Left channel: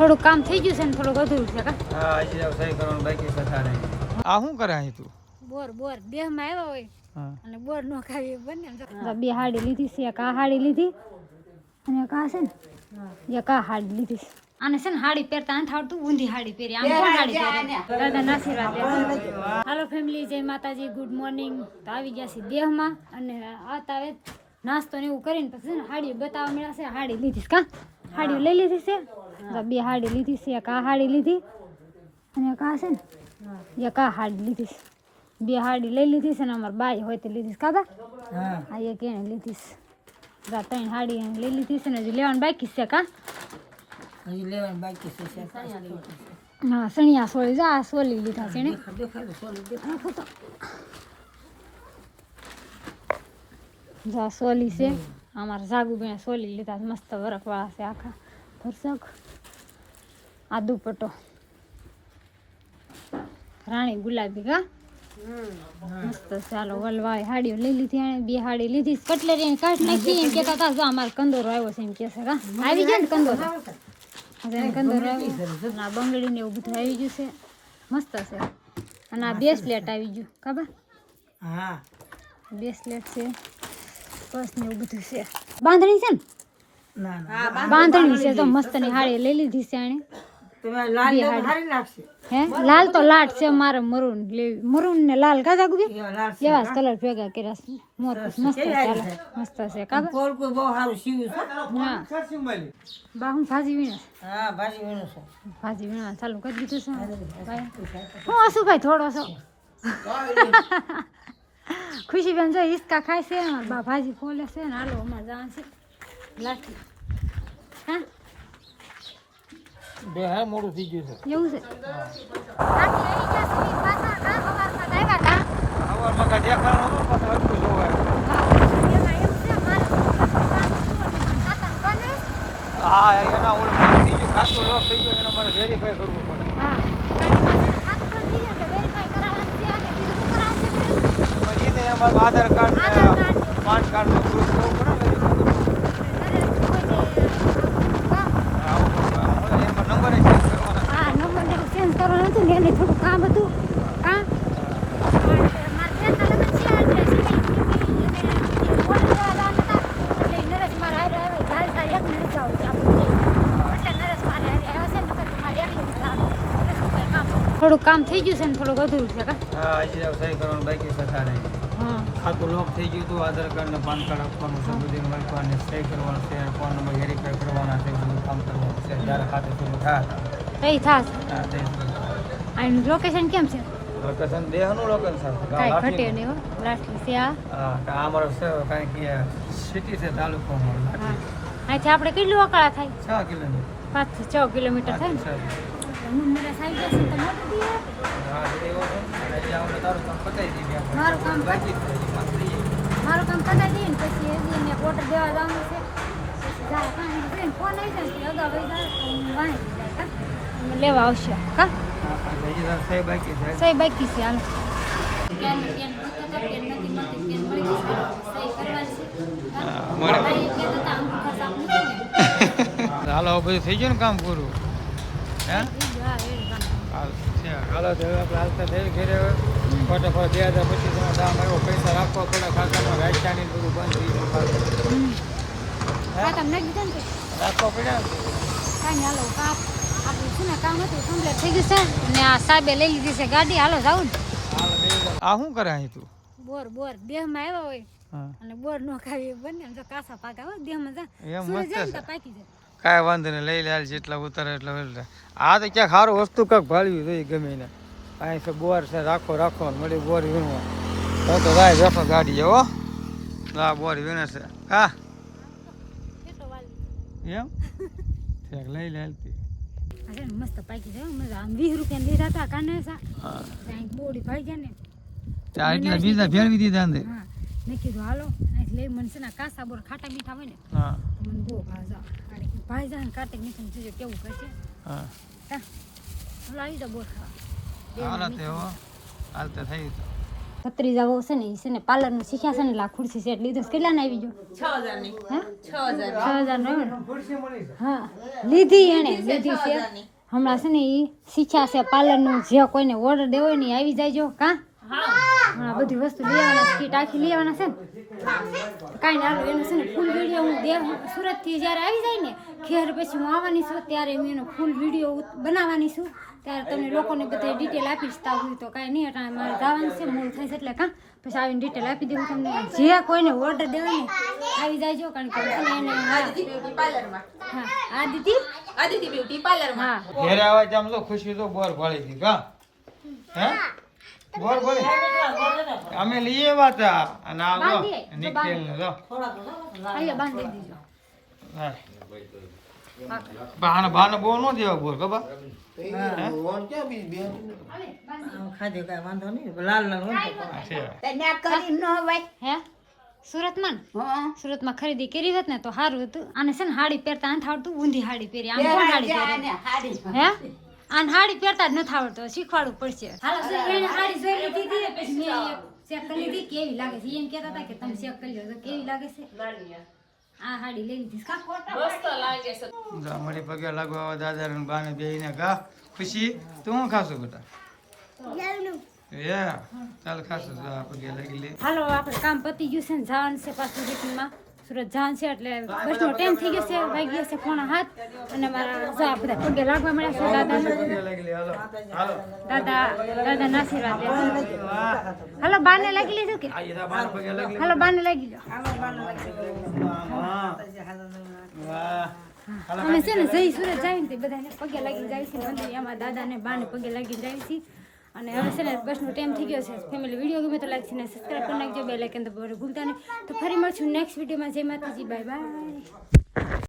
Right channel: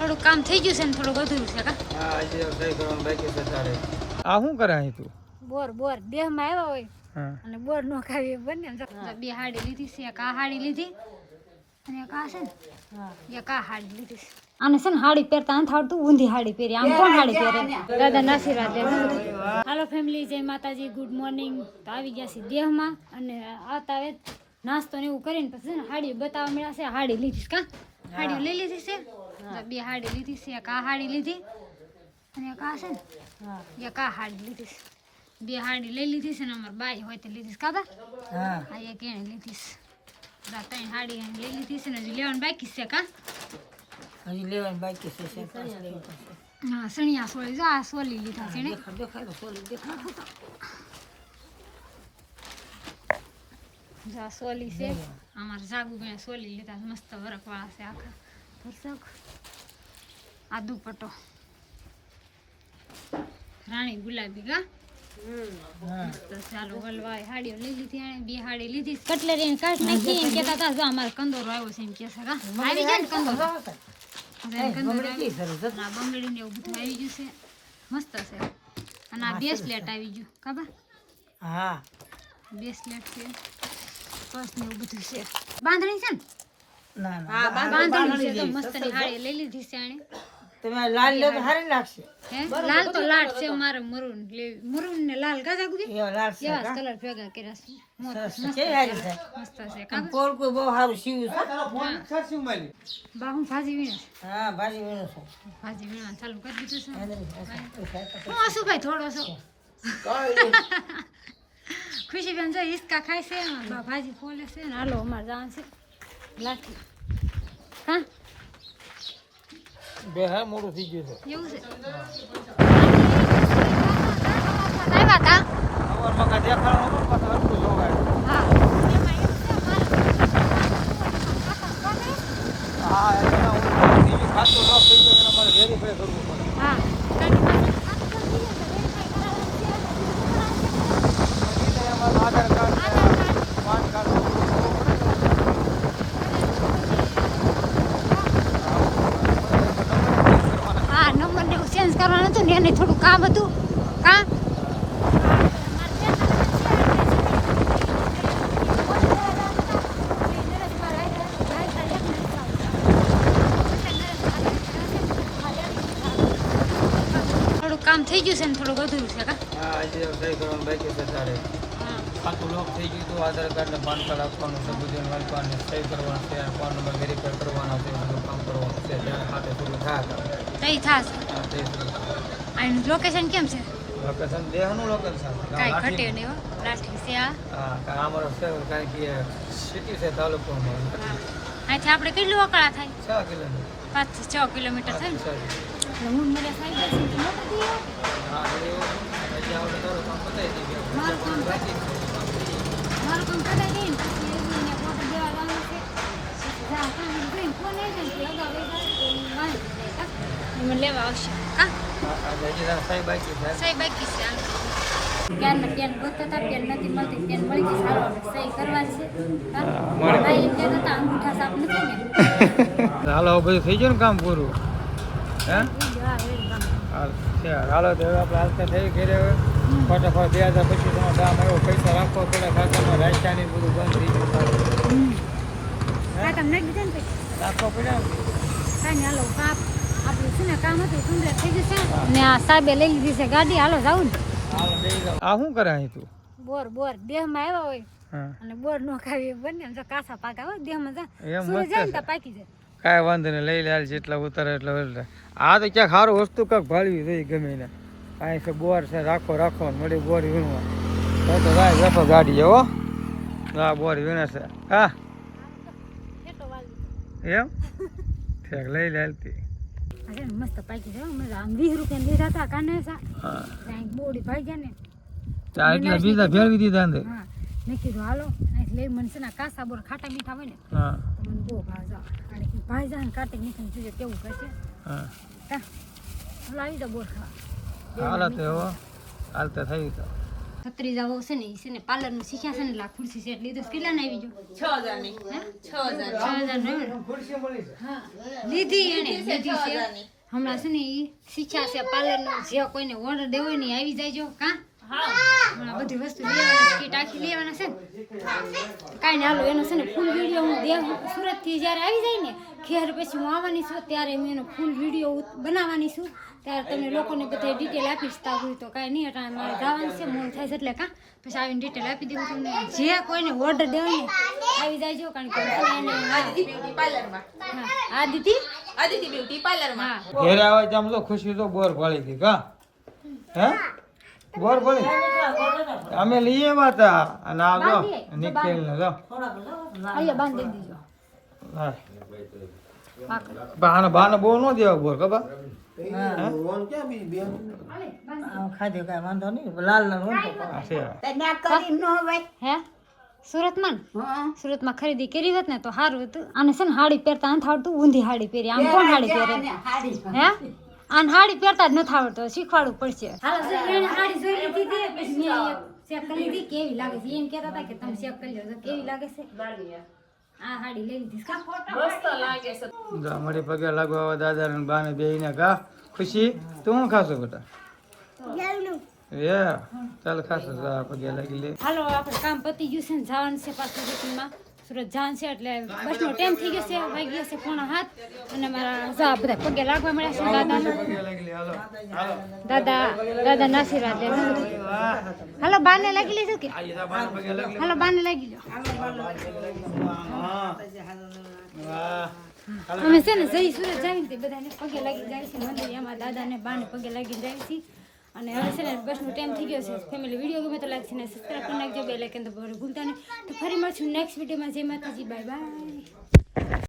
થોડું કામ થઈ ગયું છે ને થોડું અધૂરું છે કા? હા, હજી સહી કરવાનું બાકી છે તારે. આ શું કરે અહીં તું? બોર દેહમાં આવ્યા હોય અને બોર નો ખાવી બંને બે હાડી લીધી છે. એક આ હાડી લીધી અને એક આ છે ને એક આ હાડી લીધી છે. આને છે ને હાડી પહેરતા નથી આવડતું, ઊંધી હાડી પહેરી. આમ કોણ હાડી પહેરે? દાદા નસીરાત. હાલો ફેમિલી, જય માતાજી, ગુડ મોર્નિંગ. તો આવી ગયા છે દેહમાં અને આતા આવે નાસ્તો ને એવું કરીને પછી ને હાડી બતાવવા મળ્યા છે. હાડી લીધી કા? હાડી લઈ લીધી છે. બે હાડી લીધી છે. એક આ હાડી લીધી અને એક આ છે ને એક આ હાડી લીધી છે. બે હાડી લઈ લીધી છે ને અમારે બાઈ હોય તે લીધી છે કાકા? હા, એક એને લીધી છે. ત્રણ હાડી લઈ લીધી છે ને હજી લેવાનું બાકી છે કા? હજી લેવાનું બાકી છે. હા, સણિયા સોળી જો આ સોલી લીધા છે ને. જા સોલી છે અમારા જાગુબેન સોલી લીધા મસ્ત વરખવાળા છે આખા ભરસક. આ દુપટ્ટો રાણી ગુલાબી કા મસ્ત. ચાલો વલવાય હાડીઓ લઈ લીધી. આને બે હાડી લીધી. કટલેરી કાઢ નાખી એમ કેતા હતા જો અમારે કંદોરો આવ્યો છે એમ કે છે કા? આવી ગયો ને કંદોરો? કંદોરો આવ્યો. આ બંગડી ને એવું બધું આવી ગયું છે. મસ્ત છે. અને આ બ્રેસલેટ આવી ગયું ખબર? હા, બ્રેસલેટ છે, પર્સ ને એવું બધું છે. બાંધણી છે ને? ના ના, બાંધણી છે તો મસ્ત ની હાડી લઈ લીધી છે આને. તમે લાલ લેવું સારી લાગશે. હે લાલ તો લાટ છે મારે. મરૂન લેવી. મરૂન ને લાલ કા જાગું એવા લાલ છે. એવા કલર ભેગા કર્યા છે. મસ્ત છે. મસ્ત છે કા? પોલ કોઈ બહુ સારું સીવ્યું છે. હા બા હું ભાજી વીણે. હા, ભાજી વેણો છે. ભાજી વીણવા ચાલુ કરી દીધું છે. હું હસું ભાઈ થોડો છો. ખુશીબેન જો હિસકા ખાય છે. બા ભાજી ફોલે છે ને હાલો અમારે જવાનું છે લાઠી. હા બે હા મોડું થઈ ગયું છે. એવું છે. વેરીફાઈ કરવું પડે. આધાર કાર્ડ, પાન કાર્ડ. હા નંબર ને ચેન્જ કરવાનું હતું ને એને થોડું કામ હતું કા? થોડું કામ થઈ ગયું છે ને થોડુંક અધૂરું છે કા? હા, હજી સહી કરવાનું બાકી છે તારે. હા આખું લોક થઈ ગયું હતું. આધાર કાર્ડ ને પાન કાર્ડ આપવાનું છે. બધું વાંચવાને સહી કરવાનું છે. ફોન નંબર વેરીફાઈ કરવાના છે. બધું કામ કરવાનું છે. ત્યારે ખાતે થોડું થાય હતા. તઈ થાશે. હા, તે આનું લોકેશન કેમ છે? લોકેશન દેહનું લોકેશન. કાંઈ ઘટે નહીં હો. લાઠી છે આ. હા, અમારો છે કારણ કે સિટી છે તાલુકો અમારો. હા અહીંથી આપણે કેટલું અકળા થાય? 6 કિલોમીટર. 5 થી 6 કિલોમીટર થાય ને. હું મેરા સાઈડ જશે તો મોટો દીવો. હા, એવો તો એટલે આપણે તારું કામ પતાવી દીધી આપણે. મારું કામ બાકી છે. મારું કામ કરાવી દઈએ ને પછી એને ઓર્ડર દેવા જવાનું છે. પછી જા કામ કરીને ફોન આવી જાય ને અગાઉ વહી જાય તો હું વાણી જાય કા? અમે લેવા આવશે કા? હજી ના સાહેબ બાકી છે. સહી બાકી છે હાલ. પેન ગોતતા હતા, પેન નથી મળતી. પેન મળી ગઈ સારો સહી કરવાની છે. મળી ભાઈ એમ કહેતા હતા અંગૂઠા સાફ નથી ને. હાલો બધું થઈ ગયું ને કામ પૂરું? હે હા એવું કામ. હાલ છે. હાલો તો હવે આપણે હાલતા થઈ ઘરે હવે ફટાફટ 2025 કામ આવ્યો. પૈસા રાખવા પડે ખાતામાં. રાશિયાની બધું બંધ થઈ ગયું પાછું. હા તમે નાખી દીધા ને તો રાખવા પડ્યા. કાંઈ હાલો કાપ આપણું છે ને કામ હતું કમ્પ્લીટ થઈ ગયું છે ને. આ સાહેબે લઈ લીધી છે ગાડી. હાલો જાઉં ને. હાલો બેસી જાઓ. આ શું કરે અહીં તું? બોર દેહમાં આવ્યા હોય હા, અને બોર નો ખાવી બંને જો કાસા પાકા હોય દેહમાં જા એમ સૂર્ય મસ્ત જાય ને છે. તો પાકી જાય. કાંઈ વાંધો નહીં. લઈ લે હાલ. જેટલા ઉતારે એટલા એટલે. આ તો ક્યાંક સારું વસ્તુ કંઈક ભાળવી જોઈએ ગમે ને. અહીં છે બોર છે. રાખો ને મળી બોર વીણવા. હું તો કાંઈ બેઠો ગાડી જેવો. આ બોર વીણે છે. હા કેટલો વાલી એમ ઠેક લઈ લે હાલતી. આ છે ને મસ્ત પાકી જાય મજા. આમ 20 રૂપિયા લીધા હતા કાને સા હા, ત્યાં બોડી ભાઈ જાય ને. ચા એટલા બીજા ફેરવી દીધા અંદર. હા મેં કીધું હાલો અહીં લઈ મને છે ને કાસા બોર ખાટા મીઠા હોય ને હા તો મને બહુ ભાવ જા. ભાઈ જાય ને કાટે મીઠું જોઈએ કેવું કરશે હા કા? હાલો આવી જાઓ બોર ખાવા. હાલો તો એવો હાલતા થઈ તો ભત્રીજા વહુ છે ને એ છે ને પાર્લરનું શીખ્યા છે ને એટલે આ ખુરશી સેટ લીધું છે. કેટલા ને આવી ગયો? 6,000 ની. હે 6,000 6,000 નો. હા લીધી એને લીધી છે હમણાં છે ને એ શીખ્યા છે પાર્લરનું. જે કોઈને ઓર્ડર દેવો હોય ને ઈ આવી જાયજો. કા હા બધી વસ્તુ લેવાના કીટ આખી લેવાના છે ને કાંઈ ને હાલો એનો છે ને ફૂલ વિડીયો હું સુરતથી જ્યારે આવી જાય ને ખેર પછી હું આવવાની છું ત્યારે હું એનો ફૂલ વિડીયો બનાવવાની છું. ત્યારે તમને લોકોને બધા ડિટેલ આપીશ. તા હોય તો કાંઈ નહીં અટાણે મારે જવાનું છે મોડું થાય છે એટલે કાં પછી આવીને ડિટેલ આપી દેવું તમને. જે કોઈને ઓર્ડર દેવો ને આવી જાયજો કારણ કે છે ને એને હા આદિતિ બ્યુટી પાર્લર હા ઘેરે આવે તો આમ તો ખુશી તો બોર પાડી હતી કા હે બોર પાડી અમે લઈએ આવ્યા હતા અને આ જો નિકેલ ને જો અહીંયા બાંધી દીજો. હા બાને બહુ ન દેવા બોર ખબર ખાધ્યું કાંઈ વાંધો નહીં. લાલ લાલ હોય તો હે સુરતમાં સુરતમાં ખરીદી કરી હોત ને તો સારું હતું. આને છે ને હાડી પહેરતા નથી આવડતું. ઊંધી હાડી પહેરી. આમ કોણ હાડી પહેરે? હે આને હાડી પહેરતા જ નથી આવડતું. શીખવાડવું પડશે. હાલો એને હાડી જોઈ લીધી હતી પછી મેં એક ચેક કરી લીધી કેવી લાગે છે. એમ કહેતા હતા કે તમે ચેક કરી લો કેવી લાગે છે. આ હાડી લઈ લીધી કા મસ્ત લાગે છે. મારી પગે લાગવા દાદા ને બાને બેહીને કા ખુશી તું શું ખાશો બેટા? ચાલ ખાશો પગે લાગી લે. હાલો આપણે કામ પતી ગયું છે ને જવાનું છે પાછું રીટમાં સુરત જવાનું છે એટલે બસનો ટાઈમ થઈ ગયો છે. વાગી ગયો છે 6:30 અને મારા જો આ બધા પગે લાગવા મળ્યા છે દાદાને. પગે લાગી લે હાલો હાલો દાદા નસીરાત હાલો બાને લાગી લીધું કે આ બાને પગે લાગી લે હાલો બાને લાગી લો. અમે છે ને જઈ સુરત જાવી ને બધાને પગે લાગી જાય છે મંદિર. અમારા દાદાને બાને પગે લાગી જાય છે અને હવે છે ને બસનો ટાઈમ થઈ ગયો છે. ફેમિલી વિડીયો ગમે તો લાઈક છે ને સબસ્ક્રાઈબ કરી નાખજો. બે લાઈકન તો ભૂલતા નહીં. તો ફરી મળશું નેક્સ્ટ વિડીયોમાં. જય માતાજી બાય બાય.